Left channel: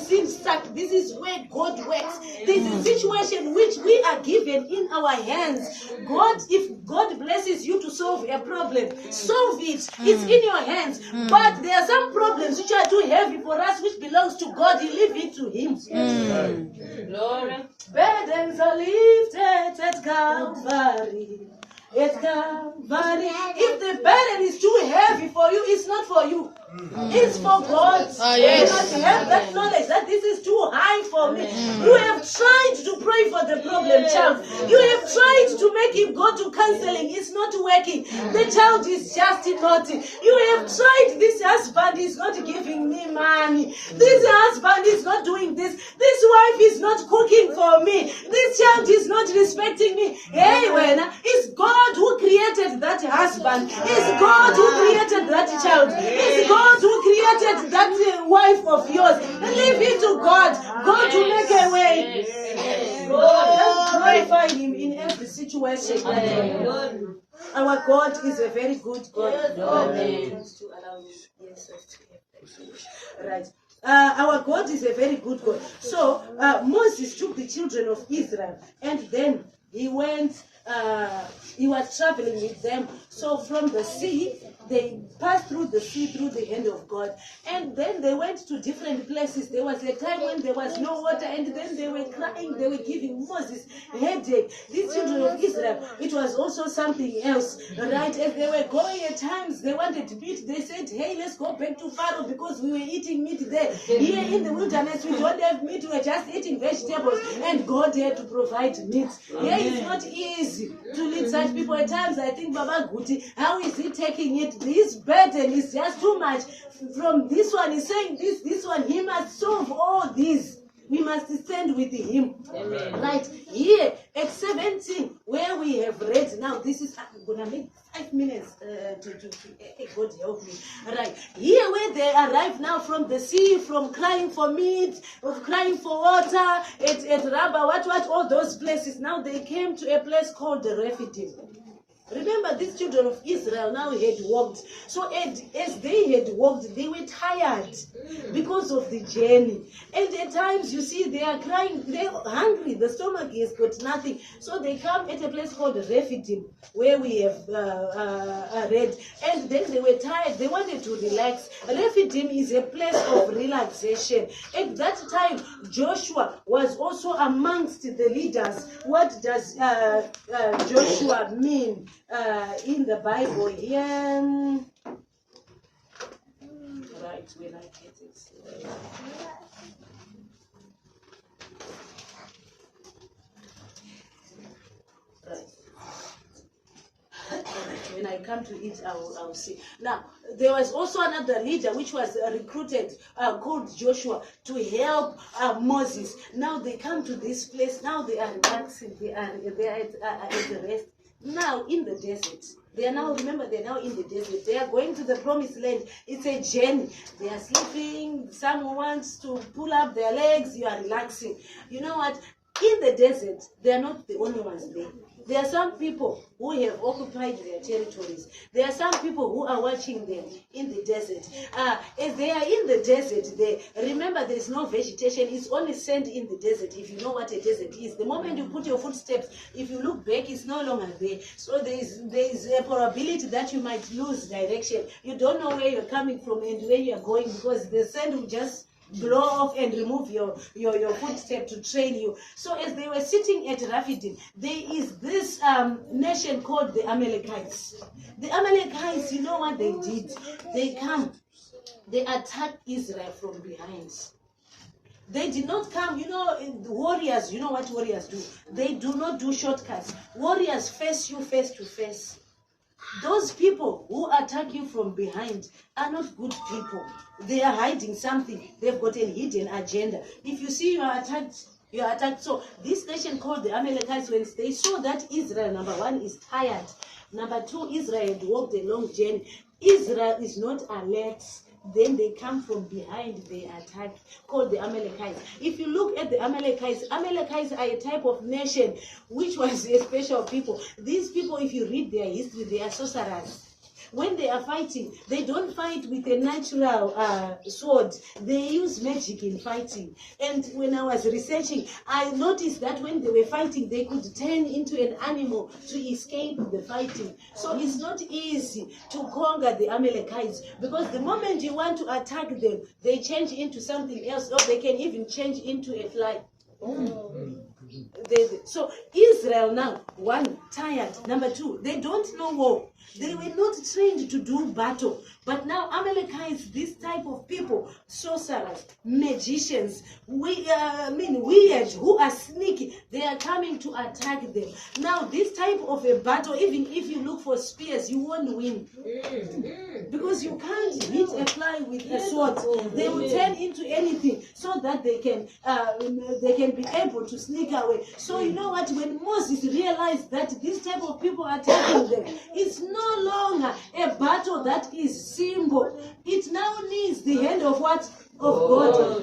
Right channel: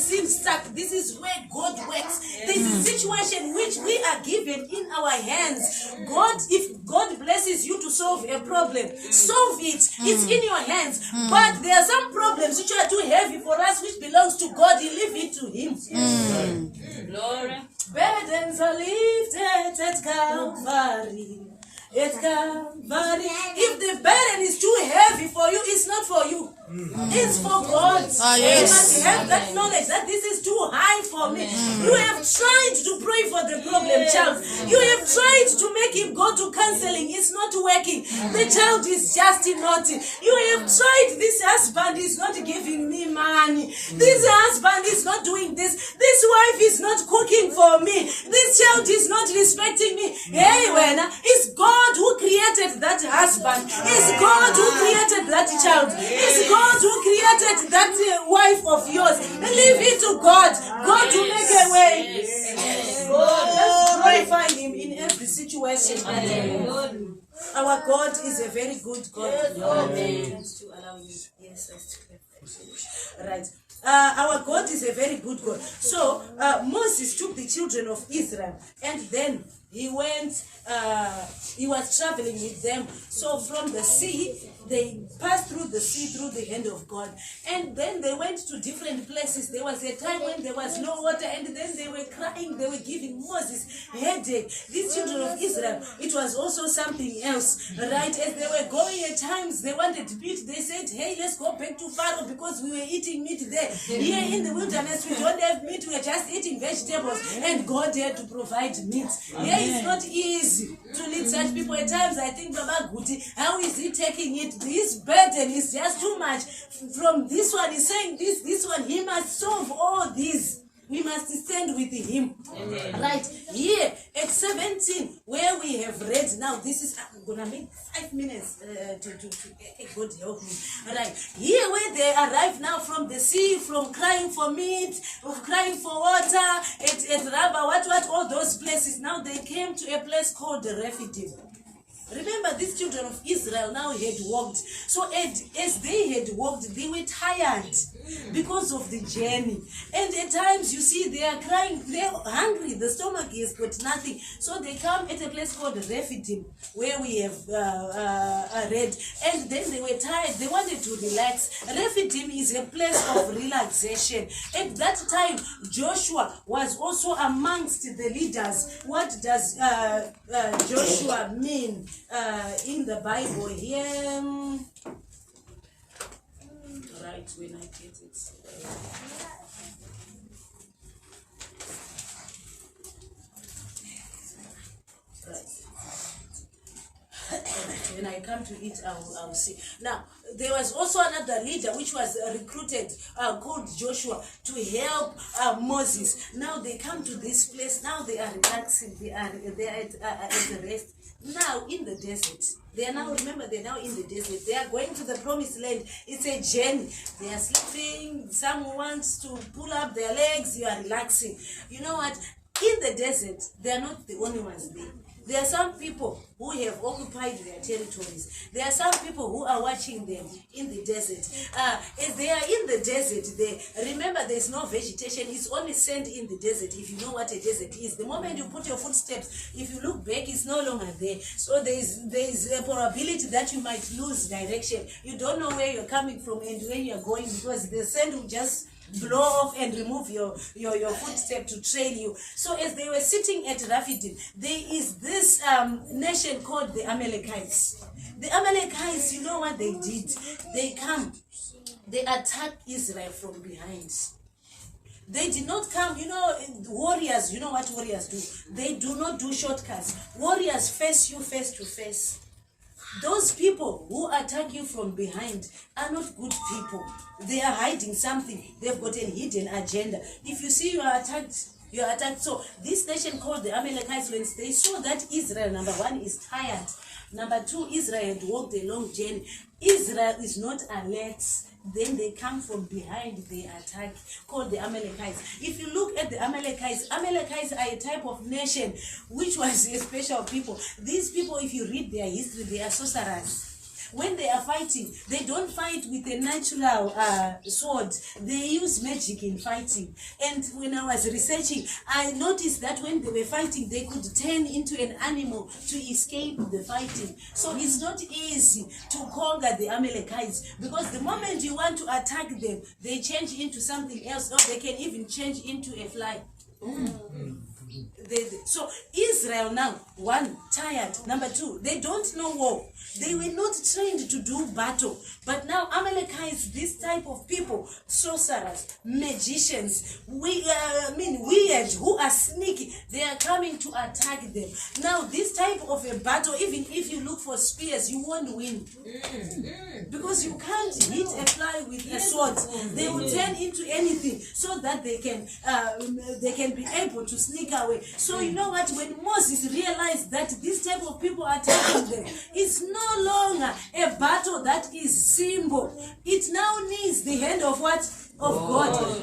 sin stuck. This is where God works. There's a situation which we are given in our hands. God, if God blesses you to solve a problem, solve it. It's in your hands. But there are some problems which are too heavy for us, which belongs to God. You leave it to Him. Glory. Burdens are lifted at Calvary. At Calvary. If the burden is too heavy for you, it's not for you. It's for God. You must have that knowledge that this is too high for me. You have tried to pray for the problem child. You have tried to make him go to counseling. It's not working. The child is just naughty. You have tried. This husband is not giving me money. This husband is not doing this. This wife is not cooking for me. This child is not respecting me. Hey, when it's God who created that husband. It's God who created that child. It's God who created that wife of yours. Leave it to God. God to make a way. God, glorify Him in every situation. Our God is a very good God. Right. Our God is a very good God. So Moses took the children of Israel, and then he went. He was traveling with them. So from the sea, they passed through the sea through the hand of God. And then they went to different places. There was a time when there was no water, and then they were crying. They were giving Moses headache. These children of Israel, it was also something else. Right? As they were going at times, they wanted meat. They said, hey, let's go back to Pharaoh because we were eating meat there. Here in the wilderness, we don't have meat. We're just eating vegetables. And God had to provide meat. Here it's not easy to lead such people. At times I think, Baba Guti, how is he taking it? This burden is just too much. From this one, he's saying this one, he must solve all this. We must stand with him. Amen. Right here at 17, where we have read now, this is I'm gonna make 5 minutes to God help me. Right here, where they arrive now from the sea, from crying for meat, of crying for water, at Rabbah, what all those places. Now they came to a place called the Rephidim. Remember, these children of Israel now had walked. So as they had walked, they were tired because of the journey. And at times, you see, they are crying, they're hungry, the stomach has got nothing. So they come at a place called Rephidim, where we have read. And then they were tired, they wanted to relax. Rephidim is a place of relaxation. At that time, Joshua was also amongst the leaders. What does Joshua mean? In the Bible here, right, when I get it, right. When I come to it, I'll see. Now, there was also another leader which was recruited called Joshua to help Moses. Now they come to this place. Now they are relaxing. They are at the rest. Now in the desert, they are now, remember, they're now in the desert. They are going to the promised land. It's a journey. They are sleeping. Someone wants to pull up their legs. You are relaxing. You know what? In the desert, they are not the only ones there. There are some people who have occupied their territories. There are some people who are watching them in the desert. As they are in the desert, remember there's no vegetation. It's only sand in the desert, if you know what a desert is. The moment you put your footsteps, if you look back, it's no longer there. So there is a probability that you might lose direction. You don't know where you're coming from and where you're going, because the sand will just blow off and remove your footstep to trail you. So as they were sitting at Rephidim, there is this nation called the Amalekites. The Amalekites, you know what they did? They come, they attack Israel from behind. They did not come, warriors, you know what warriors do? They do not do shortcuts. Warriors face you face to face. Those people who attack you from behind are not good people. They are hiding something. They've got a hidden agenda. If you see you are attacked. So this nation called the Amalekites, when they saw that Israel, number one, is tired. Number two, Israel had walked a long journey. Israel is not alert. Then they come from behind, they attack, called the Amalekites. If you look at the Amalekites are a type of nation which was a special people. These people, if you read their history, they are sorcerers. when they are fighting, they don't fight with a natural sword. They use magic in fighting. And when I was researching, I noticed that when they were fighting, they could turn into an animal to escape the fighting. So it's not easy to conquer the Amalekites, because the moment you want to attack them, they change into something else, or they can even change into a fly. So Israel now, one, tired. Number two, they don't know war. They were not trained to do battle. But now Amalekites, this type of people, sorcerers, magicians, weird, who are sneaky, they are coming to attack them. Now this type of a battle, even if you look for spears, you won't win. Because you can't hit a fly with a sword. They will turn into anything so that they can be able to sneak away. So you know what, when Moses realized that this type of people are attacking them, it's no longer a battle that is simple. It now needs the hand of what? Of God. Now